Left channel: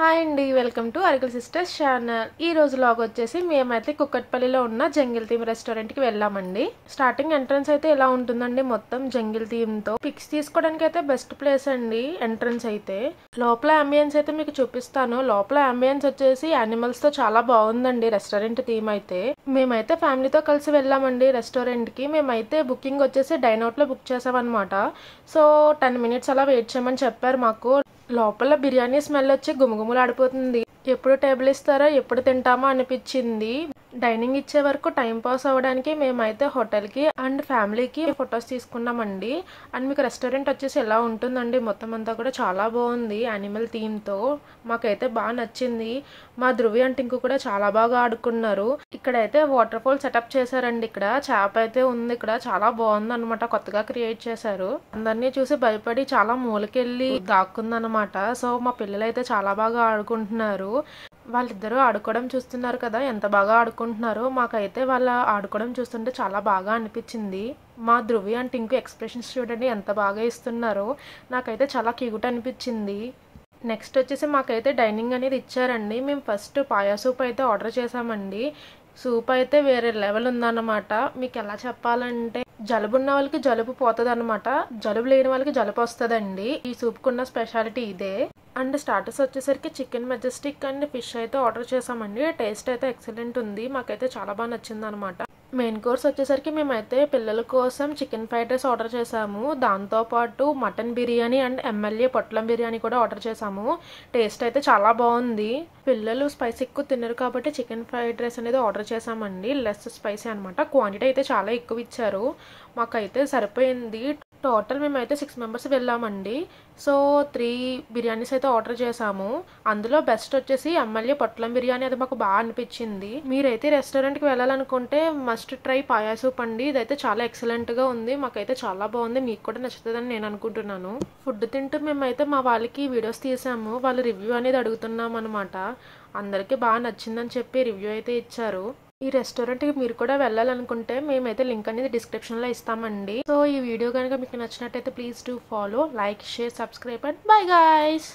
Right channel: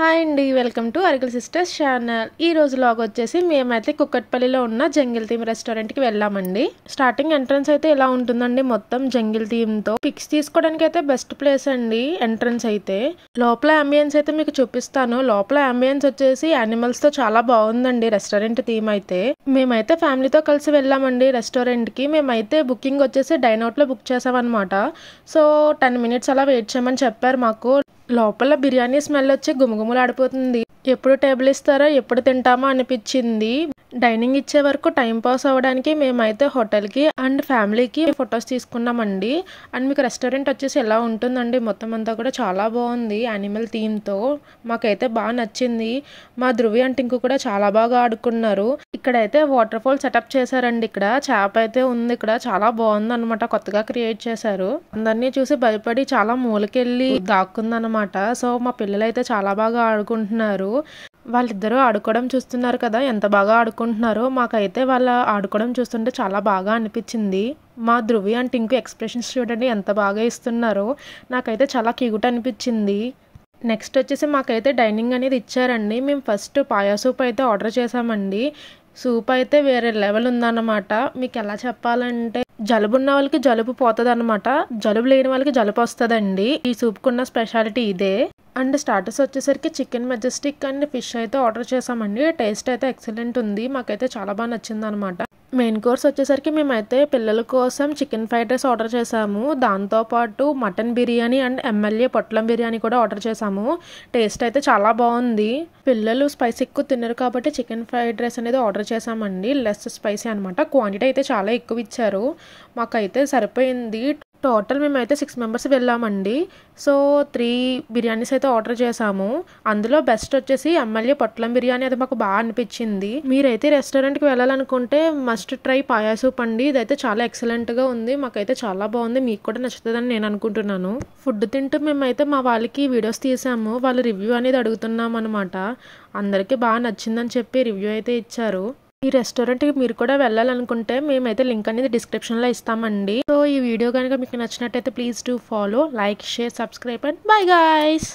Hi అండి, welcome to అరికల్ sisters channel. ఈ రోజు లాగ్ వచ్చేసి మేమైతే కుక్కట్పల్లిలో ఉన్న జంగిల్ థీమ్ రెస్టారెంట్కి వెళ్ళామండి. స్టార్టింగ్ ఎంట్రన్స్ అయితే ఇలా ఉంటుందండి, మొత్తం జంగిల్ థీమ్తో. పిక్స్ తీసుకోవడానికి అయితే బెస్ట్ ప్లేస్ అండి ఎంట్రన్స్ అయితే. లోపల అంబియన్స్ అయితే మీకు చూపిస్తాను. లోపల అంబియన్స్ వచ్చేసి యానిమల్స్తో చాలా బాగుందండి రెస్టారెంట్ థీమ్ అయితే. మేమైతే ఫ్యామిలీతో కలిసి వెళ్ళామండి రెస్టారెంట్కి. మేమైతే బుకింగ్ వచ్చేసి డైనౌట్లో బుక్ చేసామన్నమాట. సో 10 minutes అలా వెయిట్ చేయమని చెప్పారు మాకు. లోపల బిర్యానీ స్మెల్ వచ్చి గుమగుమలాడిపోతుంది. ఎప్పుడు టేబుల్ ఇస్తారో ఎప్పుడు తింటామో అనిపించింది. డైనింగ్ ఇచ్చే వరకు టైం పాస్ అవ్వడానికి మేమైతే హోటల్కి అండ్ ఫ్యామిలీకి ఫొటోస్ తీసుకున్నామండి. అండ్ మీకు రెస్టారెంట్ వచ్చేసి ఎలా ఉంటుందండి, మొత్తం అంతా కూడా చాలా బాగుంది యానిమల్ థీమ్తో. మాకైతే బాగా నచ్చింది. మా ధృవి అంటే ఇంకో కూడా చాలా బాగా ఆడుకున్నారు. ఇక్కడైతే వాటర్ ఫాల్ సెటప్ చేశారండి. ఇక్కడ చేప అయితే ఉంది. ఇక్కడ చాలా బాగుంది అనమాట, కొత్తగా క్రియేట్ చేశారు. అందరినీ చూసి భయపడి చాలా మూలకెళ్ళి దాక్కుందనమాట. సో మా పిల్లలు అయితే చాలా బాగా ఆడుకుంటున్నారు. వాళ్ళిద్దరూ ఆడుకోవడం చూస్తున్నారు కదా, ఎంత బాగా ఆడుకుంటున్నారో. మాకైతే వాళ్ళ ఆడుకోవడం చూస్తుంటే చాలా బాగా అనిపించింది. మా ధృవి అంటే ఇంకో ఎక్స్ప్రెషన్స్ చూడండి ఎంత బాగా ఇస్తున్నారో. నాకైతే చాలా క్యూట్ అనిపించింది. నెక్స్ట్ వచ్చేసి మాకైతే డైనింగ్ అనేది ఇచ్చారండి. మేము ఫస్ట్ పాయా సూప్ అయితే ఆర్డర్ చేసామండి. సూప్ అయితే వేరే లెవెల్ ఉందన్నమాట. మీకు ఎలా చెప్పాలంటే, జలుబు ఉన్న వాళ్ళకి జలుబు పోతుంది అనమాట, జలుబు లేని వాళ్ళకి జలుబు వస్తుందండి. ఈ సూప్కున్న స్పెషాలిటీ ఇదే. అండ్ స్టార్టర్స్ వచ్చేసరికి చికెన్ మెజెస్టిక్ అండ్ ఫిష్ అయితే ఆర్డర్ చేసామండి. టేస్ట్ అయితే ఎక్సలెంట్ ఉంది, మాకైతే చాలా బాగా నచ్చింది అనమాట. మెయిన్ కోర్స్ వచ్చేసరికి మేమైతే పిల్లల కోసం చికెన్ ఫ్రైడ్ రైస్ ఆర్డర్ చేసాము. దాంతోపాటు మటన్ బిర్యానీ అండ్ ఎమ్మెల్యే పొట్లం బిర్యానీ కూడా ఆర్డర్ చేసాము. టేస్ట్ అయితే చాలా బాగుంది. పిల్లలు స్పైసీ ఎక్కువ తినరు కాబట్టి చికెన్ ఫ్రైడ్ రైస్ అనేది ఆర్డర్ చేసామండి. లెస్ స్పైసీ అనమాట. క్వాంటిటీ అయితే చాలా ఎక్కువ ఇచ్చారు, మాకైతే సరిపోయింది. టోటల్ మేమైతే 6 members వెళ్ళామండి. సో 3 బిర్యానీస్ అయితే ఆర్డర్ చేసాము. అందులో బెస్ట్ వచ్చేసి ఎమ్మెల్యే పొట్లం బిర్యానీ, అది మాకు బాగా అనిపించింది. మీరైతే రెస్టారెంట్కి వెళ్ళాలనుకుంటే మస్ట్ ట్రై పాయా సూప్ అండి. ఇదైతే చాలా ఎక్సలెంట్గా ఉంది, మాకైతే చాలా బాగుంది. మీకు కూడా నచ్చుతుందని నేను అనుకుంటున్నాను. ఫుడ్ తింటూ మేమైతే మా వాళ్ళకి వీడియోస్ తీసాము. వాళ్ళు రివ్యూ అనేది అడుగుతున్నాం అనమాట. అందరికీ బాగా నచ్చిందని చెప్పి రివ్యూ అయితే ఇచ్చారు. ఈ రెస్టారెంట్కి మీరు కూడా వెళ్ళాలనుకుంటే మేమైతే లింక్ అనేది డిస్క్రిప్షన్లో ఇస్తామండి. సో ఈ వీడియో కనుక మీకు నచ్చినట్టయితే please do follow, like, share, subscribe and bye guys.